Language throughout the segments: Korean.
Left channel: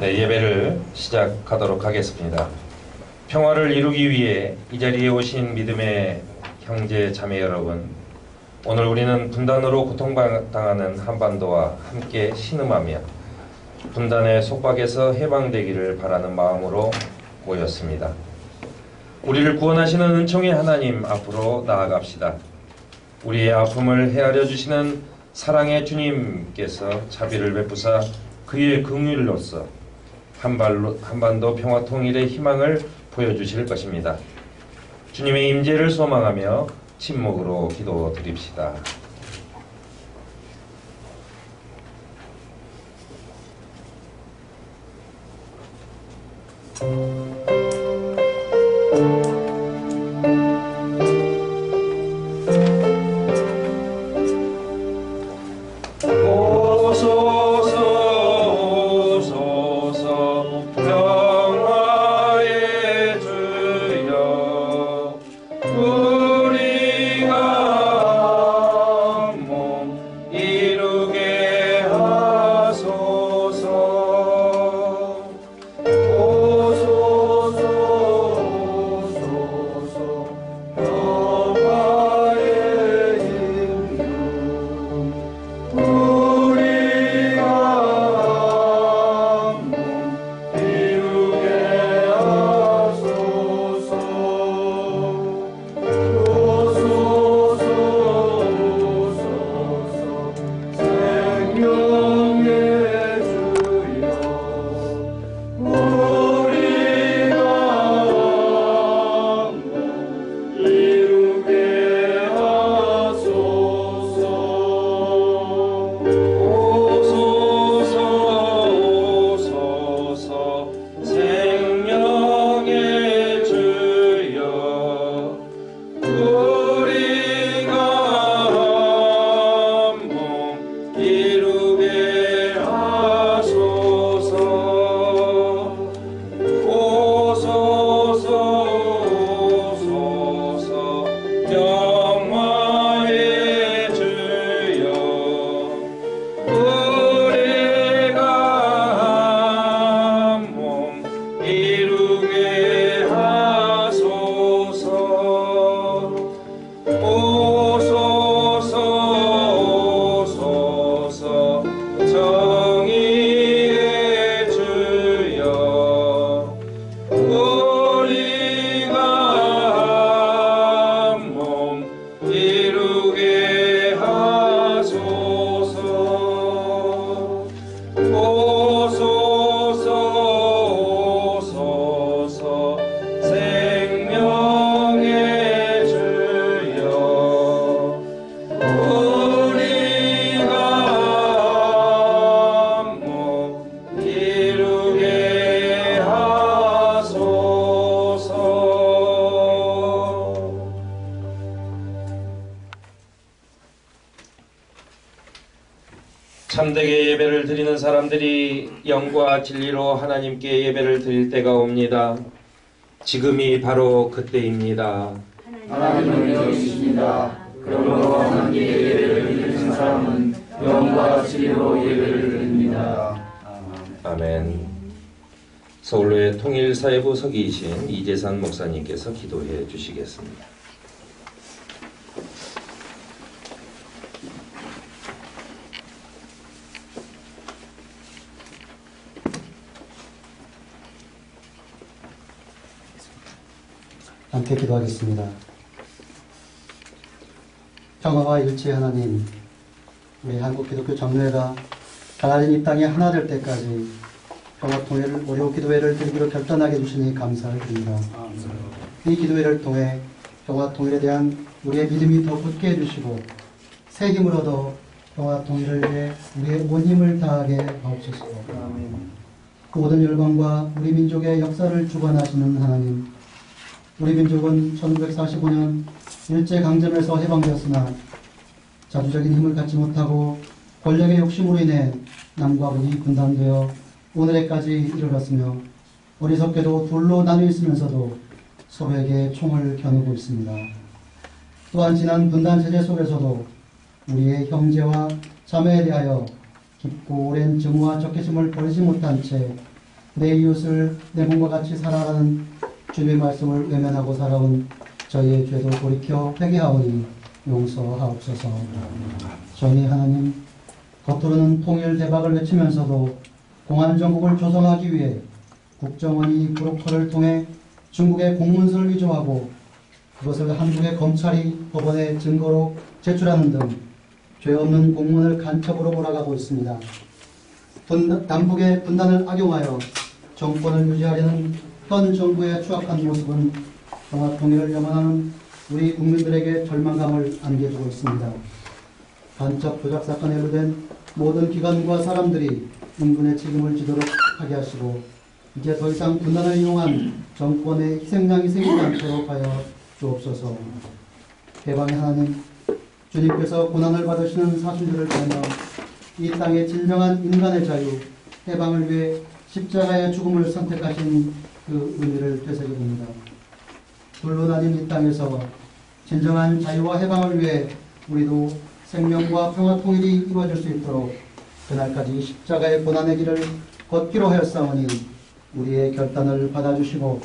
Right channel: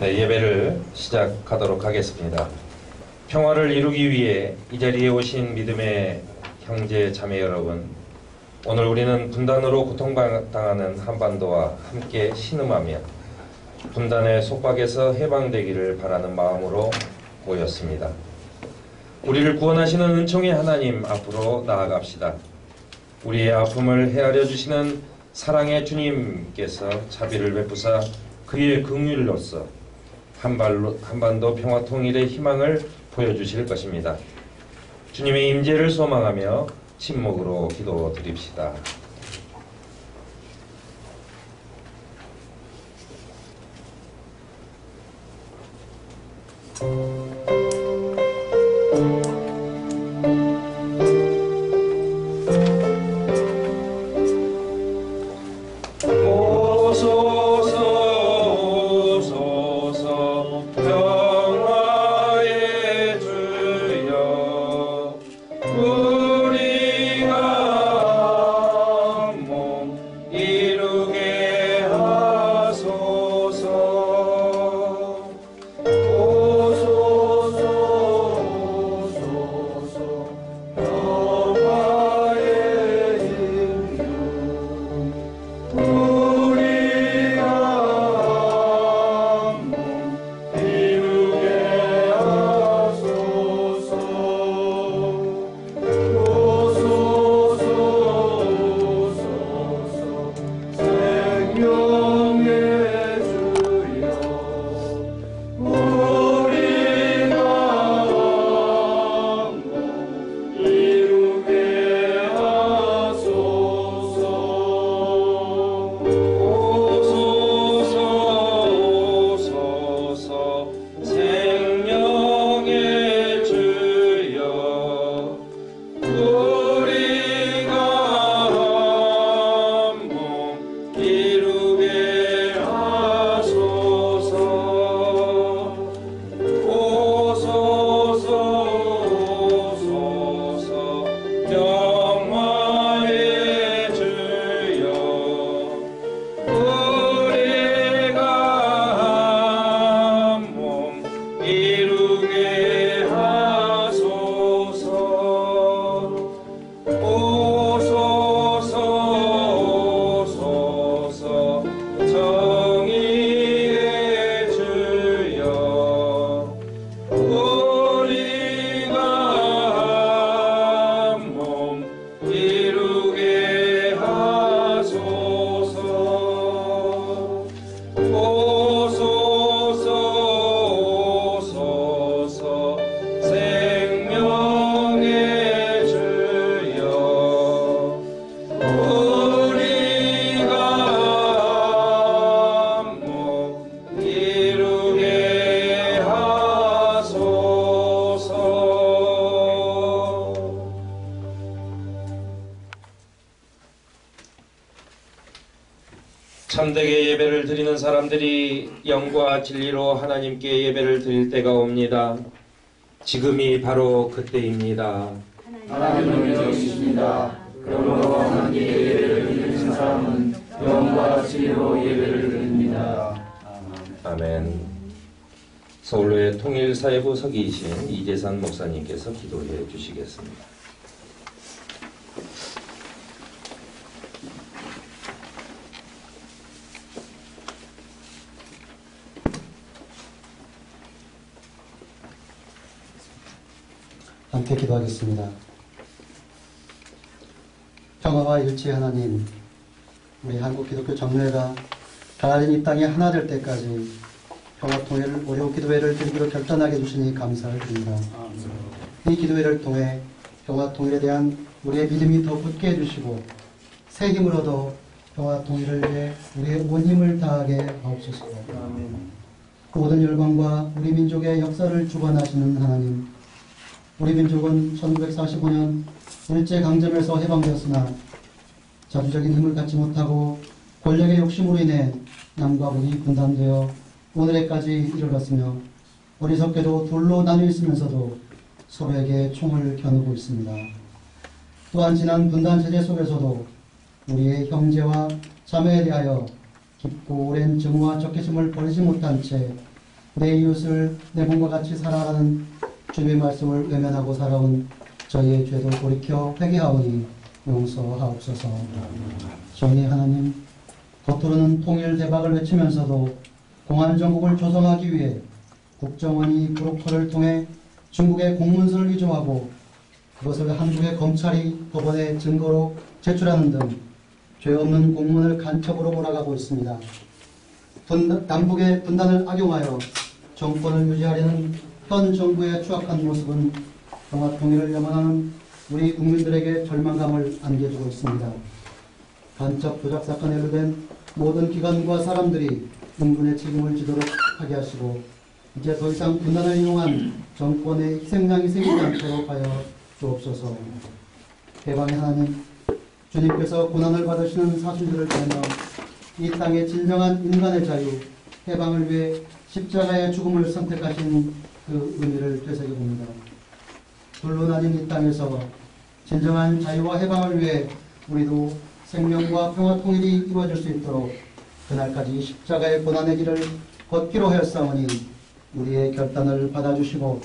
네, 예배를 시작하도록 하겠습니다. 평화를 이루기 위해 이 자리에 오신 믿음의 형제 자매 여러분, 오늘 우리는 분단으로 고통당하는 한반도와 함께 신음하며 분단의 속박에서 해방되기를 바라는 마음으로 모였습니다. 우리를 구원하시는 은총의 하나님 앞으로 나아갑시다. 우리의 아픔을 헤아려 주시는 사랑의 주님께서 자비를 베푸사 그의 긍휼로서 한반도 평화 통일의 희망을 보여주실 것입니다. 주님의 임재를 소망하며 침묵으로 기도드립시다. 참되게 예배를 드리는 사람들이 영과 진리로 하나님께 예배를 드릴 때가 옵니다. 지금이 바로 그때입니다. 하나님은 여기 있습니다. 그러므로 하나님께 예배를 드리는 사람은 영과 진리로 예배를 드립니다. 아멘. 서울로의 통일사회부 서기이신 이재산 목사님께서 기도해 주시겠습니다. 함께 기도하겠습니다. 평화와 일치의 하나님, 우리 한국 기독교 정례가 가나안 이 땅이 하나 될 때까지 평화 통일을 오려 기도회를 드리기로 결단하게 해주시니 감사를 드립니다. 이 기도회를 통해 평화 통일에 대한 우리의 믿음이 더 굳게 해주시고 새 힘을 얻어 평화 통일을 위해 우리의 온 힘을 다하게 하옵소서. 그 모든 열방과 우리 민족의 역사를 주관하시는 하나님, 우리 민족은 1945년 일제강점에서 해방되었으나 자주적인 힘을 갖지 못하고 권력의 욕심으로 인해 남과 북이 분단되어 오늘에까지 이르렀으며 어리석게도 둘로 나뉘어 있으면서도 서로에게 총을 겨누고 있습니다. 또한 지난 분단 체제 속에서도 우리의 형제와 자매에 대하여 깊고 오랜 증오와 적개심을 버리지 못한 채 내 이웃을 내 몸과 같이 살아라는 주님의 말씀을 외면하고 살아온 저희의 죄도 돌이켜 회개하오니 용서하옵소서. 정의 하나님, 겉으로는 통일 대박을 외치면서도 공안정국을 조성하기 위해 국정원이 브로커를 통해 중국에 공문서를 위조하고 그것을 한국의 검찰이 법원에 증거로 제출하는 등 죄 없는 공문을 간첩으로 몰아가고 있습니다. 남북의 분단을 악용하여 정권을 유지하려는 현 정부의 추악한 모습은 평화 통일을 염원하는 우리 국민들에게 절망감을 안겨주고 있습니다. 간첩 조작 사건에 연루된 모든 기관과 사람들이 인근의 책임을 지도록 하게 하시고 이제 더 이상 분단을 이용한 정권의 희생양이 생기지 않도록 하여 주옵소서. 해방의 하나님, 주님께서 고난을 받으시는 사순절을 통해 이 땅의 진정한 인간의 자유, 해방을 위해 십자가의 죽음을 선택하신 그 의미를 되새겨봅니다. 둘로 나뉜 이 땅에서 진정한 자유와 해방을 위해 우리도 생명과 평화 통일이 이루어질 수 있도록 그날까지 십자가의 고난의 길을 걷기로 하였사오니 우리의 결단을 받아주시고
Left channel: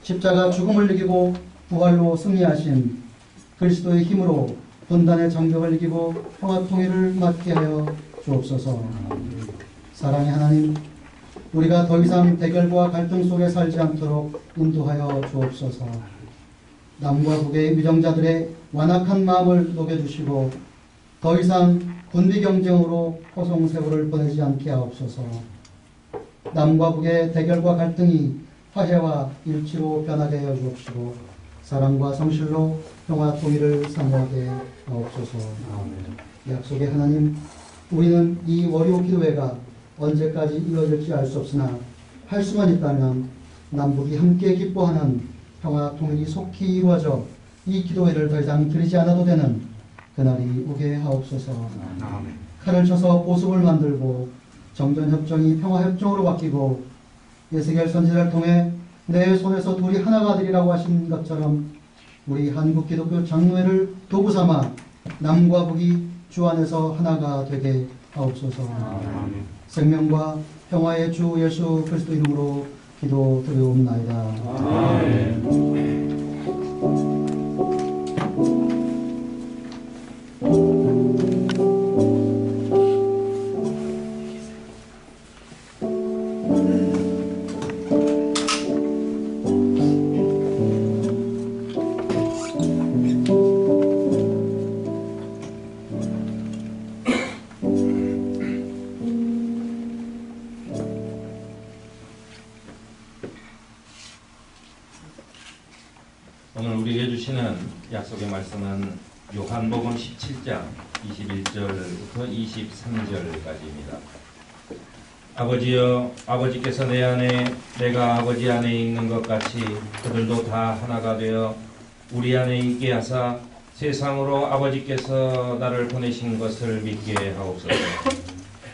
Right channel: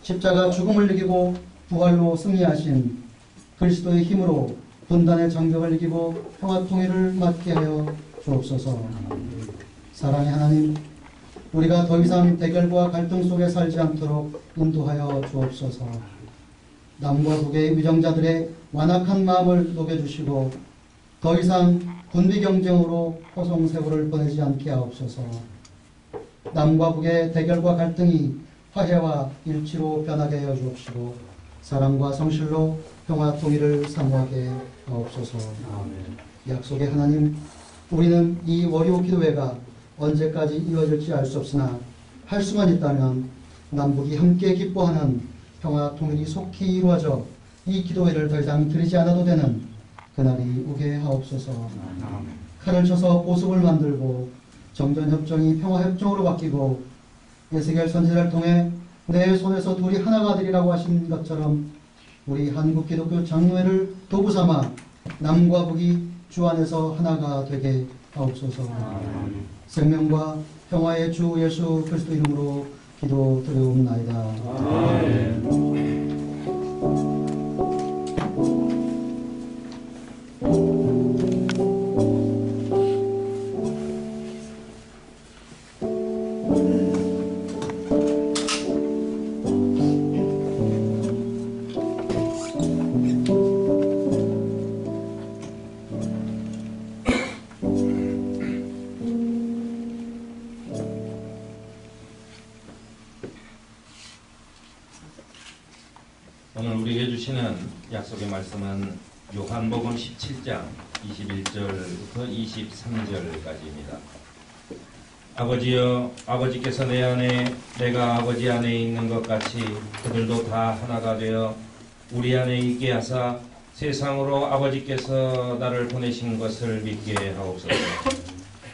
십자가 죽음을 이기고 부활로 승리하신 그리스도의 힘으로 분단의 정벽을 이기고 평화 통일을 맞게 하여 주옵소서. 사랑의 하나님, 우리가 더 이상 대결과 갈등 속에 살지 않도록 인도하여 주옵소서. 남과 북의 위정자들의 완악한 마음을 녹여주시고 더 이상 군비 경쟁으로 호송세월을 보내지 않게 하옵소서. 남과 북의 대결과 갈등이 화해와 일치로 변하게 하여 주옵시고 사랑과 성실로 평화 통일을 사모하게 하옵소서. 약속의 하나님, 우리는 이 월요 기도회가 언제까지 이어질지 알 수 없으나 할 수만 있다면 남북이 함께 기뻐하는 평화 통일이 속히 이루어져 이 기도회를 더 이상 드리지 않아도 되는 그날이 오게 하옵소서. 칼을 쳐서 보습을 만들고 정전협정이 평화협정으로 바뀌고 예수겔 선지자를 통해 내 손에서 둘이 하나가 되리라고 하신 것처럼 우리 한국 기독교 장로회를 도구 삼아 남과 북이 주 안에서 하나가 되게 하옵소서. 생명과 평화의 주 예수 그리스도 이름으로 기도드리옵나이다. 오늘 우리에게 주시는 약속의 말씀은 요한복음 17장 21절부터 23절까지입니다. 아버지여, 아버지께서 내 안에 내가 아버지 안에 있는 것 같이 그들도 다 하나가 되어 우리 안에 있게 하사 세상으로 아버지께서 나를 보내신 것을 믿게 하옵소서.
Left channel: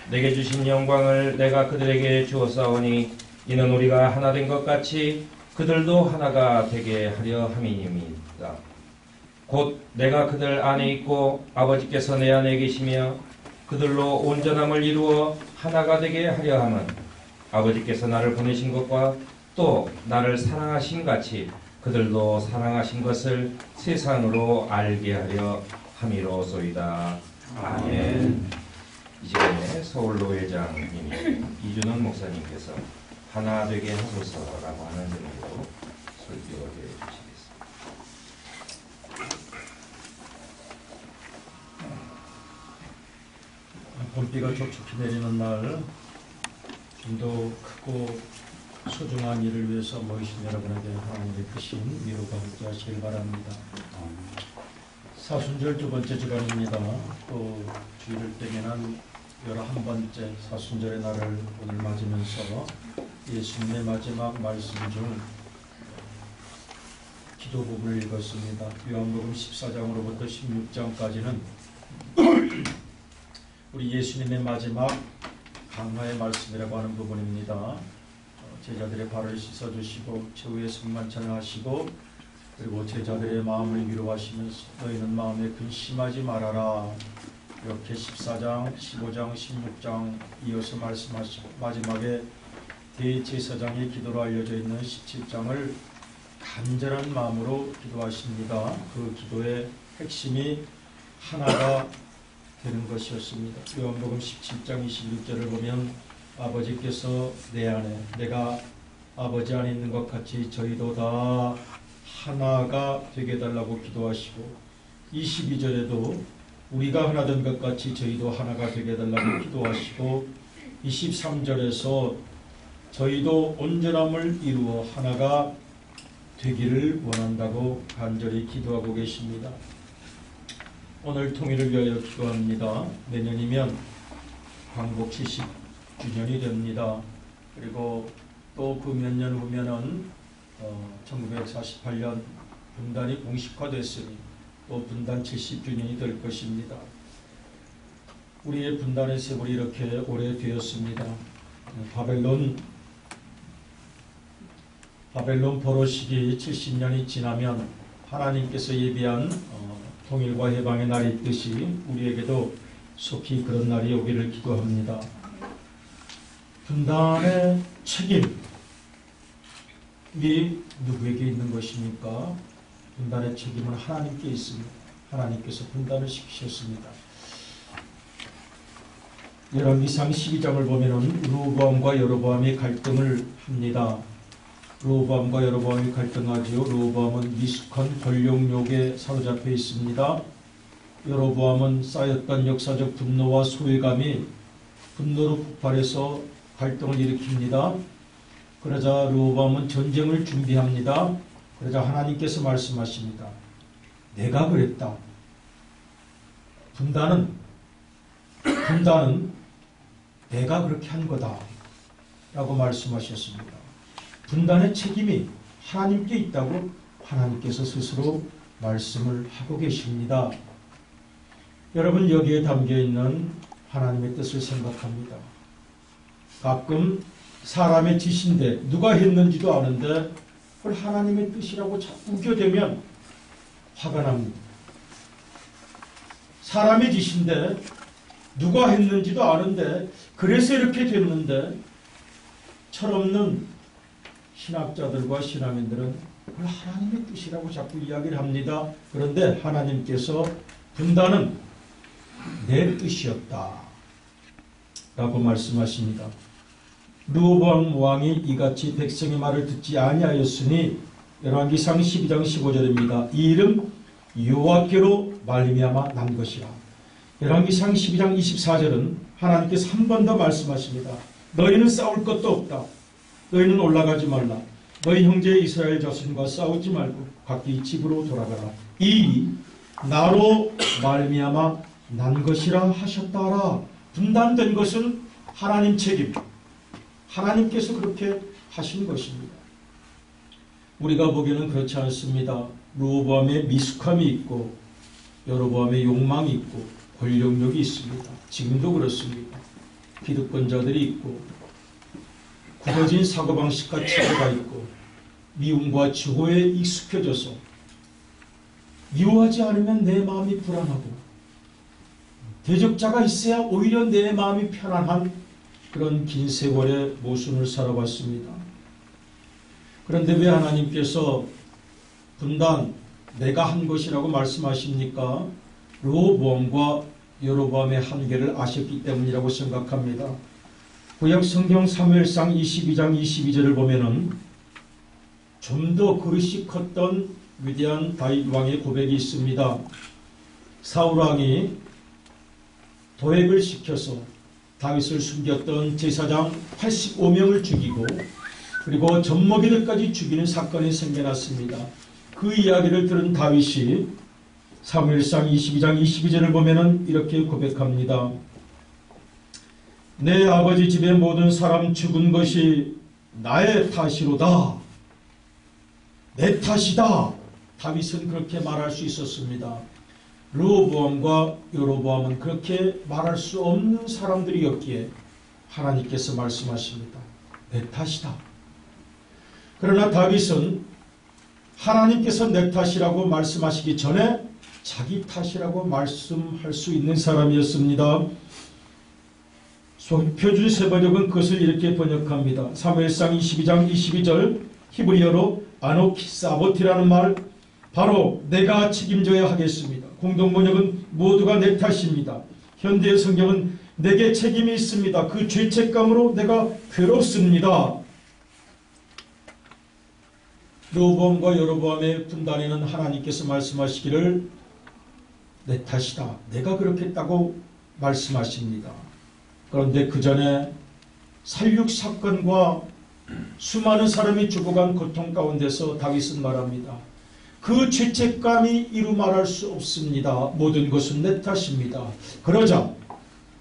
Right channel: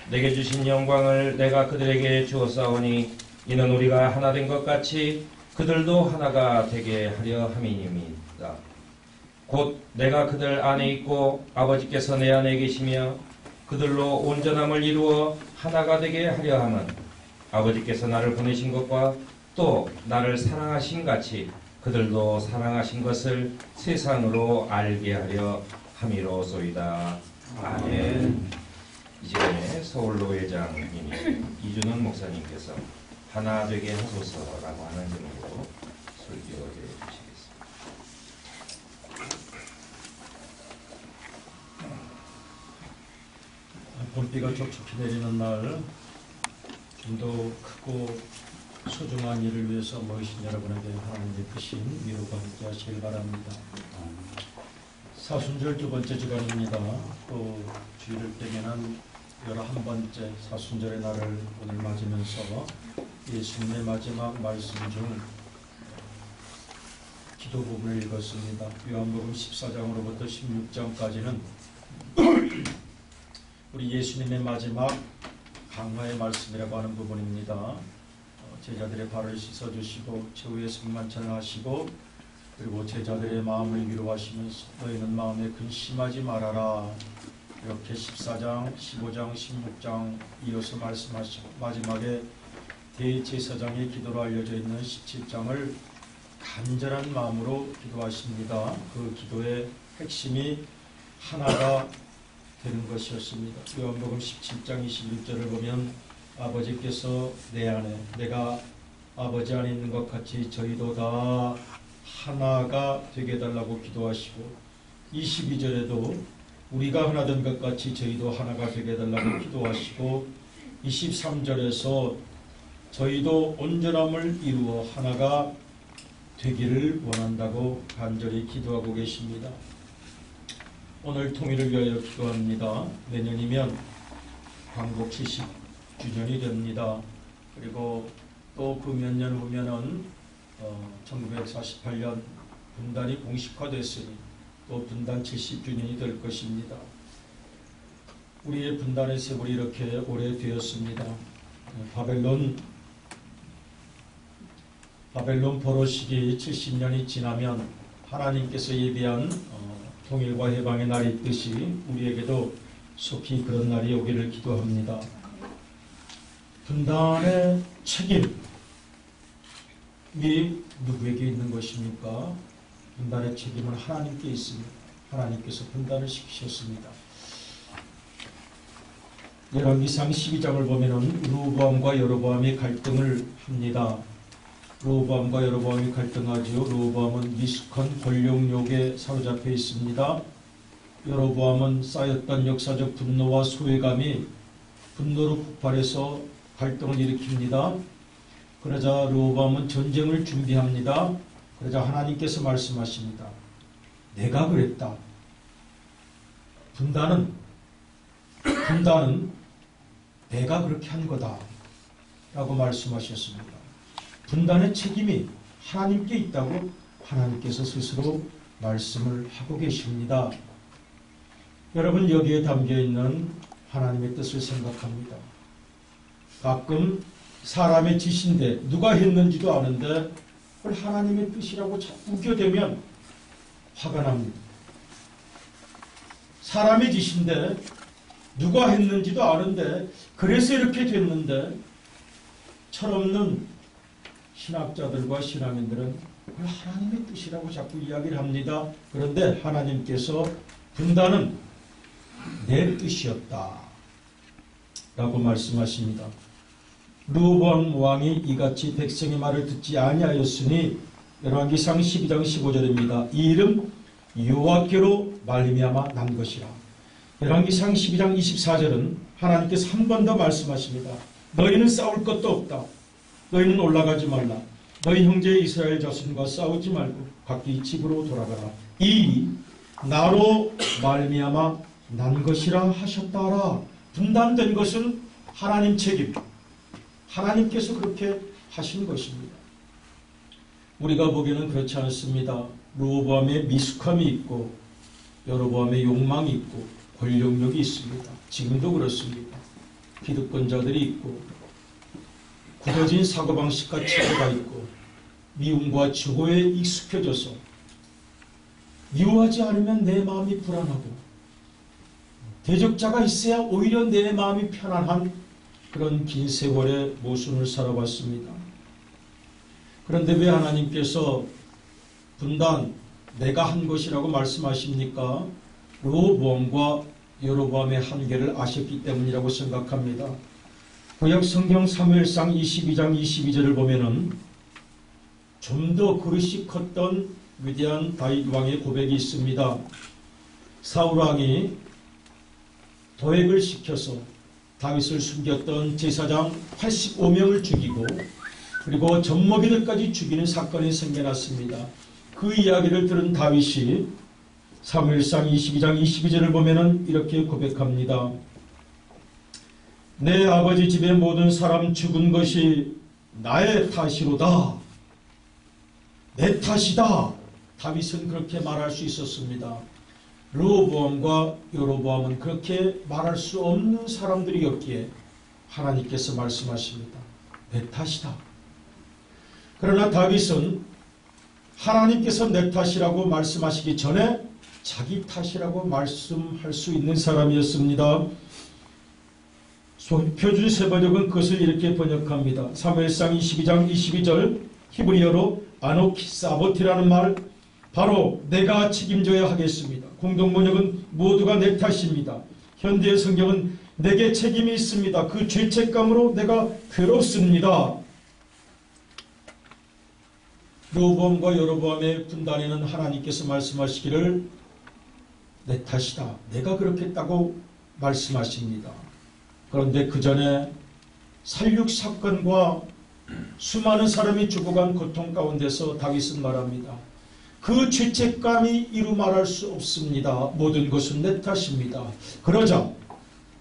내게 주신 영광을 내가 그들에게 주었사오니 이는 우리가 하나 된 것 같이 그들도 하나가 되게 하려 함이니이다. 곧 내가 그들 안에 있고 아버지께서 내 안에 계시며 그들로 온전함을 이루어 하나가 되게 하려 함은 아버지께서 나를 보내신 것과 또 나를 사랑하신 같이 그들도 사랑하신 것을 세상으로 알게 하려 함이로소이다. 아멘. 이 시간에 서울노회장님이 이준원 목사님께서 하나 되게 하소서라고 하는 제목으로 설교해 주시겠습니다. 봄비가 촉촉히 내리는 날 좀 더 크고 소중한 일을 위해서 모이신 여러분에게 하나님의 크신 위로가 함께 하시길 바랍니다. 사순절 두 번째 주간입니다. 또 주일을 땡에는 11번째 사순절의 날을 오늘 맞으면서 예수님의 마지막 말씀 중 기도 부분을 읽었습니다. 요한복음 14장으로부터 16장까지는 우리 예수님의 마지막 강화의 말씀이라고 하는 부분입니다. 제자들의 발을 씻어주시고 최후의 성만찬을 하시고 그리고 제자들의 마음을 위로하시면서 너희는 마음에 근심하지 말아라, 이렇게 14장, 15장, 16장 이어서 말씀하시고 마지막에 대제사장의 기도로 알려져 있는 17장을 간절한 마음으로 기도하십니다. 그 기도의 핵심이 하나가 되는 것이었습니다. 요한복음 17장 21절을 보면 아버지께서 내 안에 내가 아버지 안에 있는 것 같이 저희도 다 하나가 되게 해달라고 기도하시고 22절에도 우리가 하나 된 것 같이 저희도 하나가 되게 해달라고 기도하시고 23절에서 저희도 온전함을 이루어 하나가 되기를 원한다고 간절히 기도하고 계십니다. 오늘 통일을 위하여 기도합니다. 내년이면 광복 70주년이 됩니다. 그리고 또 그 몇 년 후면은 1948년 분단이 공식화됐으니 또 분단 70주년이 될 것입니다. 우리의 분단의 세월이 이렇게 오래되었습니다. 바벨론 포로 시기 70년이 지나면 하나님께서 예비한 통일과 해방의 날이 있듯이 우리에게도 속히 그런 날이 오기를 기도합니다. 분단의 책임이 누구에게 있는 것입니까? 분단의 책임은 하나님께 있습니다. 하나님께서 분단을 시키셨습니다. 열왕기상 12장을 보면 르호보암과 여로보암이 갈등을 합니다. 르호보암과 여로보암이 갈등하지요. 르호보암은 미숙한 권력욕에 사로잡혀 있습니다. 여로보암은 쌓였던 역사적 분노와 소외감이 분노로 폭발해서 갈등을 일으킵니다. 그러자 르호보암은 전쟁을 준비합니다. 그러자 하나님께서 말씀하십니다. 내가 그랬다. 분단은 내가 그렇게 한 거다 라고 말씀하셨습니다. 분단의 책임이 하나님께 있다고 하나님께서 스스로 말씀을 하고 계십니다. 여러분, 여기에 담겨있는 하나님의 뜻을 생각합니다. 가끔 사람의 짓인데 누가 했는지도 아는데 그걸 하나님의 뜻이라고 자꾸 우겨대면 화가 납니다. 사람의 짓인데 누가 했는지도 아는데 그래서 이렇게 됐는데 철없는 신학자들과 신앙인들은 그걸 하나님의 뜻이라고 자꾸 이야기를 합니다. 그런데 하나님께서 분단은 내 뜻이었다 라고 말씀하십니다. 르호보암 왕이 이같이 백성의 말을 듣지 아니하였으니 열왕기상 12장 15절입니다. 이 일은 여호와께로 말미암아 난 것이라. 열왕기상 12장 24절은 하나님께서 한 번 더 말씀하십니다. 너희는 싸울 것도 없다. 너희는 올라가지 말라. 너희 형제 이스라엘 자손과 싸우지 말고 각기 집으로 돌아가라. 이 일이 나로 말미암아 난 것이라 하셨다라. 분단된 것은 하나님 책임. 하나님께서 그렇게 하신 것입니다. 우리가 보기에는 그렇지 않습니다. 르호보암의 미숙함이 있고 여로보암의 욕망이 있고 권력욕이 있습니다. 지금도 그렇습니다. 기득권자들이 있고 굳어진 사고방식과 체계가 있고 미움과 증오에 익숙해져서 미워하지 않으면 내 마음이 불안하고 대적자가 있어야 오히려 내 마음이 편안한 그런 긴 세월의 모순을 살아왔습니다. 그런데 왜 하나님께서 분단 내가 한 것이라고 말씀하십니까? 르호보암과 여로보암의 한계를 아셨기 때문이라고 생각합니다. 구약 성경 사무엘상 22장 22절을 보면은 좀 더 그릇이 컸던 위대한 다윗 왕의 고백이 있습니다. 사울 왕이 도액을 시켜서 다윗을 숨겼던 제사장 85명을 죽이고 그리고 젖먹이들까지 죽이는 사건이 생겨났습니다. 그 이야기를 들은 다윗이 사무엘상 22장 22절을 보면은 이렇게 고백합니다. 내 아버지 집의 모든 사람 죽은 것이 나의 탓이로다. 내 탓이다. 다윗은 그렇게 말할 수 있었습니다. 르호보암과 여로보암은 그렇게 말할 수 없는 사람들이었기에 하나님께서 말씀하십니다. 내 탓이다. 그러나 다윗은 하나님께서 내 탓이라고 말씀하시기 전에 자기 탓이라고 말씀할 수 있는 사람이었습니다. 표준 세번역은 그것을 이렇게 번역합니다. 사무엘상 22장 22절 히브리어로 아노키사보티라는 말, 바로 내가 책임져야 하겠습니다. 공동번역은 모두가 내 탓입니다. 현대의 성경은 내게 책임이 있습니다. 그 죄책감으로 내가 괴롭습니다. 르호보암과 여로보암의 분단에는 하나님께서 말씀하시기를 내 탓이다, 내가 그렇게 했다고 말씀하십니다. 그런데 그 전에 살육사건과 수많은 사람이 죽어간 고통 가운데서 다윗은 말합니다. 그 죄책감이 이루 말할 수 없습니다. 모든 것은 내 탓입니다. 그러자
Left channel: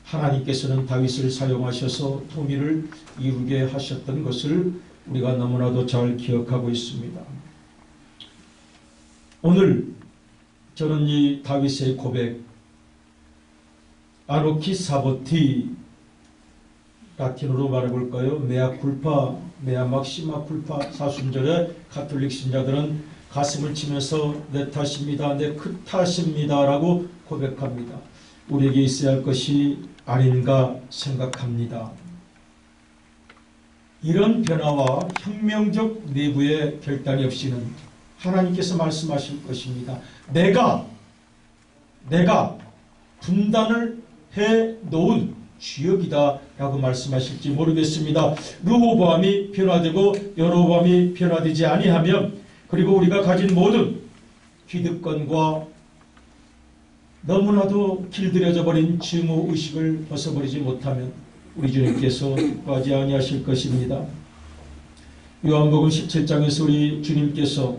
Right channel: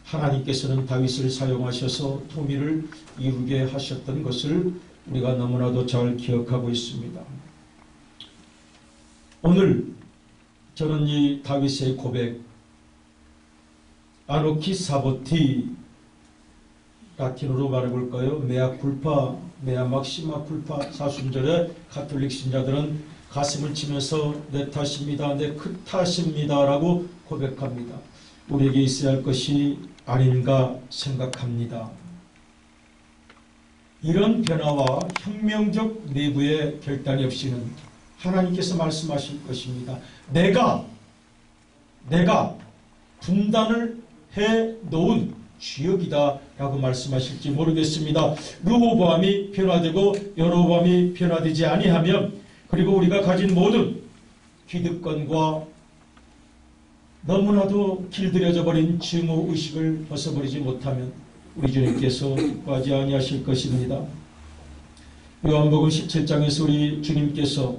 하나님께서는 다윗을 사용하셔서 통일을 이루게 하셨던 것을 우리가 너무나도 잘 기억하고 있습니다. 오늘 저는 이 다윗의 고백, 아노키 사보티, 라틴어로 말해볼까요? 메아 쿨파, 메아 막시마 쿨파. 사순절에 가톨릭 신자들은 가슴을 치면서 내 탓입니다, 내 그 탓입니다 라고 고백합니다. 우리에게 있어야 할 것이 아닌가 생각합니다. 이런 변화와 혁명적 내부의 결단이 없이는 하나님께서 말씀하실 것입니다. 내가 분단을 해 놓은 주역이다 라고 말씀하실지 모르겠습니다. 르호보암이 변화되고 여로보암이 변화되지 아니하면, 그리고 우리가 가진 모든 기득권과 너무나도 길들여져 버린 증오의식을 벗어버리지 못하면 우리 주님께서 기뻐하지 아니하실 것입니다. 요한복음 17장에서 우리 주님께서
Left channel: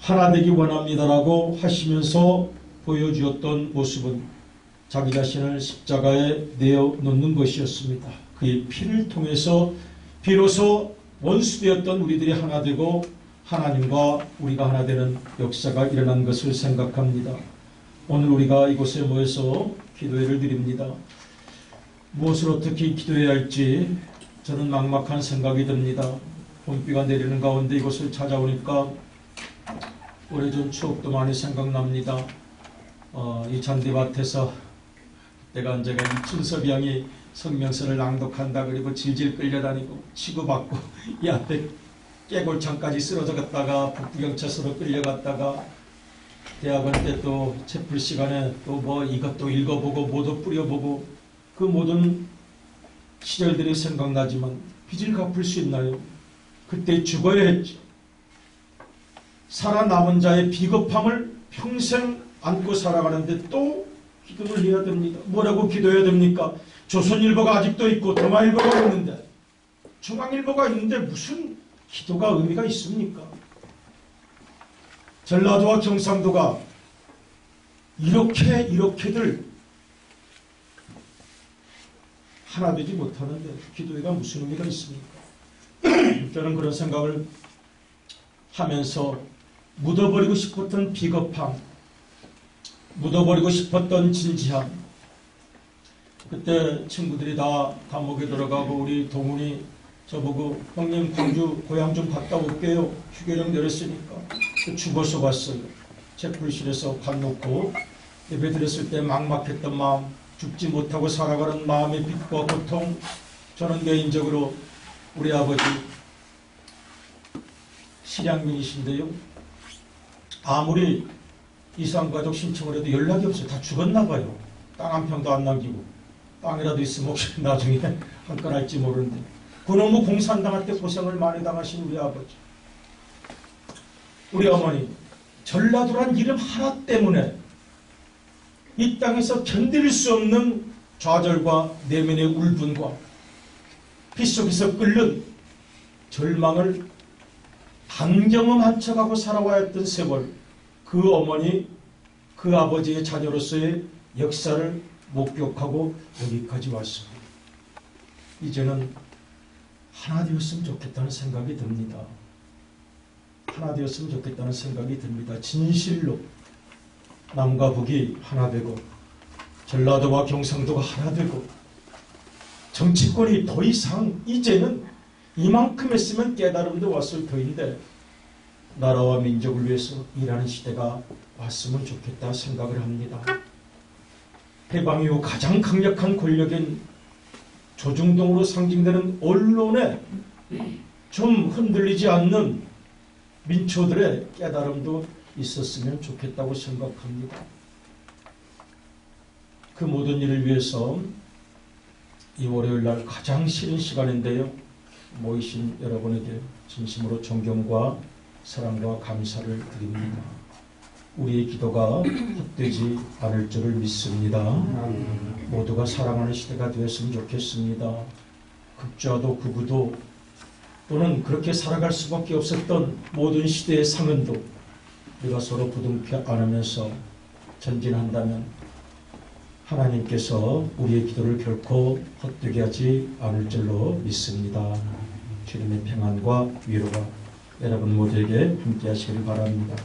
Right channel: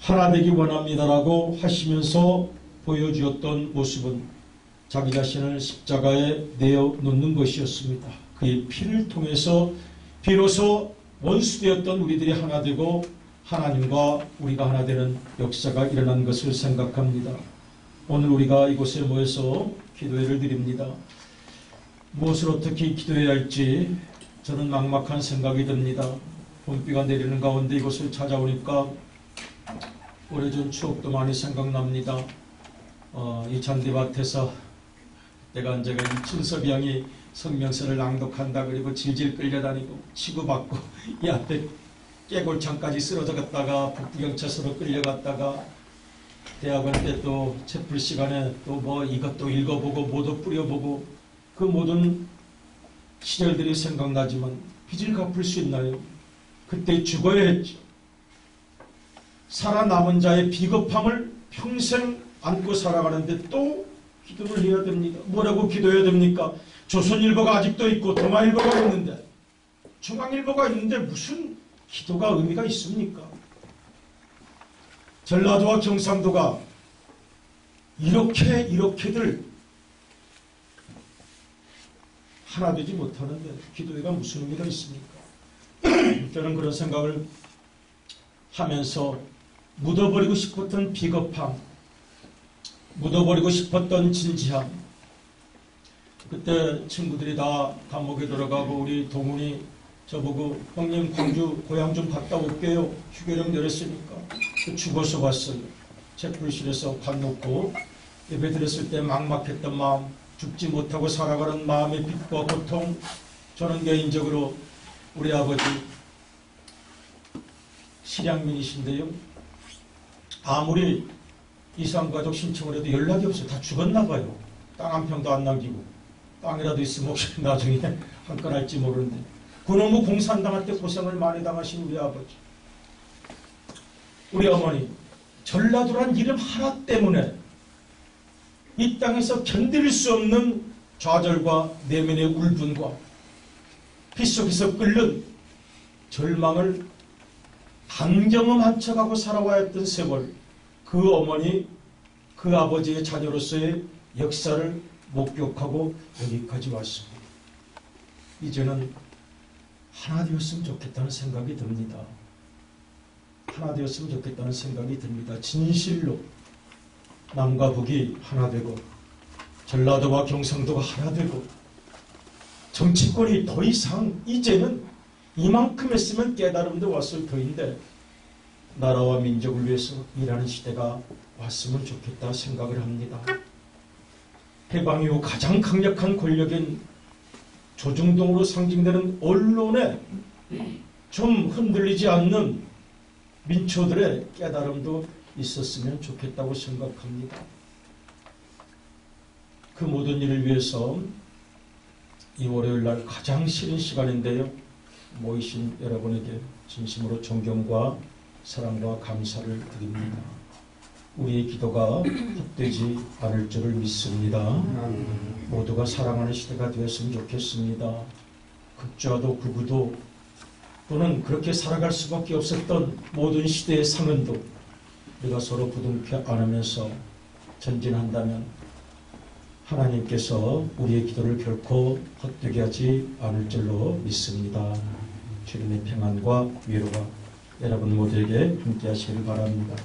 하나 되기 원합니다라고 하시면서 보여주었던 모습은 자기 자신을 십자가에 내어놓는 것이었습니다. 그의 피를 통해서 비로소 원수되었던 우리들이 하나 되고 하나님과 우리가 하나 되는 역사가 일어난 것을 생각합니다. 오늘 우리가 이곳에 모여서 기도회를 드립니다. 무엇을 어떻게 기도해야 할지 저는 막막한 생각이 듭니다. 봄비가 내리는 가운데 이곳을 찾아오니까 오래전 추억도 많이 생각납니다. 이 잔디밭에서 내가 언제가 이춘섭 양이 성명서를 낭독한다 그리고 질질 끌려다니고 치고받고 이 앞에 깨골창까지 쓰러져 갔다가 북부경찰서로 끌려갔다가 대학원 때 또 채플 시간에 또 뭐 이것도 읽어보고 뭐도 뿌려보고 그 모든 시절들이 생각나지만 빚을 갚을 수 있나요? 그때 죽어야 했죠. 살아남은 자의 비겁함을 평생 안고 살아가는데 또 기도를 해야 됩니다. 뭐라고 기도해야 됩니까? 조선일보가 아직도 있고 동아일보가 있는데, 중앙일보가 있는데 무슨 기도가 의미가 있습니까? 전라도와 경상도가 이렇게들 하나 되지 못하는데 기도회가 무슨 의미가 있습니까? 저는 그런 생각을 하면서 묻어버리고 싶었던 비겁함, 묻어버리고 싶었던 진지함, 그때 친구들이 다 감옥에 들어가고 우리 동훈이 저보고 형님 광주 고향 좀 갔다 올게요. 휴교령 내렸으니까. 죽어서 왔어요. 채플실에서 밥 놓고 예배 드렸을 때 막막했던 마음, 죽지 못하고 살아가는 마음의 빚과 고통, 저는 개인적으로 우리 아버지 실향민이신데요. 아무리 이상가족 신청을 해도 연락이 없어요. 다 죽었나 봐요. 땅 한 평도 안 남기고. 땅이라도 있으면 혹시 나중에 한 건 할지 모르는데. 그놈의 공산당할 때 고생을 많이 당하신 우리 아버지. 우리 어머니. 전라도란 이름 하나 때문에 이 땅에서 견딜 수 없는 좌절과 내면의 울분과 빗속에서 끓는 절망을 단경험한 척하고 살아와야 했던 세월, 그 어머니, 그 아버지의 자녀로서의 역사를 목격하고 여기까지 왔습니다. 이제는 하나 되었으면 좋겠다는 생각이 듭니다. 하나 되었으면 좋겠다는 생각이 듭니다. 진실로 남과 북이 하나 되고 전라도와 경상도가 하나 되고 정치권이 더 이상 이제는 이만큼 했으면 깨달음도 왔을 터인데 나라와 민족을 위해서 일하는 시대가 왔으면 좋겠다 생각을 합니다. 해방 이후 가장 강력한 권력인 조중동으로 상징되는 언론에 좀 흔들리지 않는 민초들의 깨달음도 있었으면 좋겠다고 생각합니다. 그 모든 일을 위해서 이 월요일날 가장 싫은 시간인데요, 모이신 여러분에게 진심으로 존경과 사랑과 감사를 드립니다. 우리의 기도가 헛되지 않을 줄을 믿습니다. 모두가 사랑하는 시대가 되었으면 좋겠습니다. 극좌도 극우도 또는 그렇게 살아갈 수밖에 없었던 모든 시대의 상흔도 우리가 서로 부둥켜 안으면서 전진한다면 하나님께서 우리의 기도를 결코 헛되게 하지 않을 줄로 믿습니다. 주님의 평안과 위로가 여러분 모두에게 함께 하시길 바랍니다.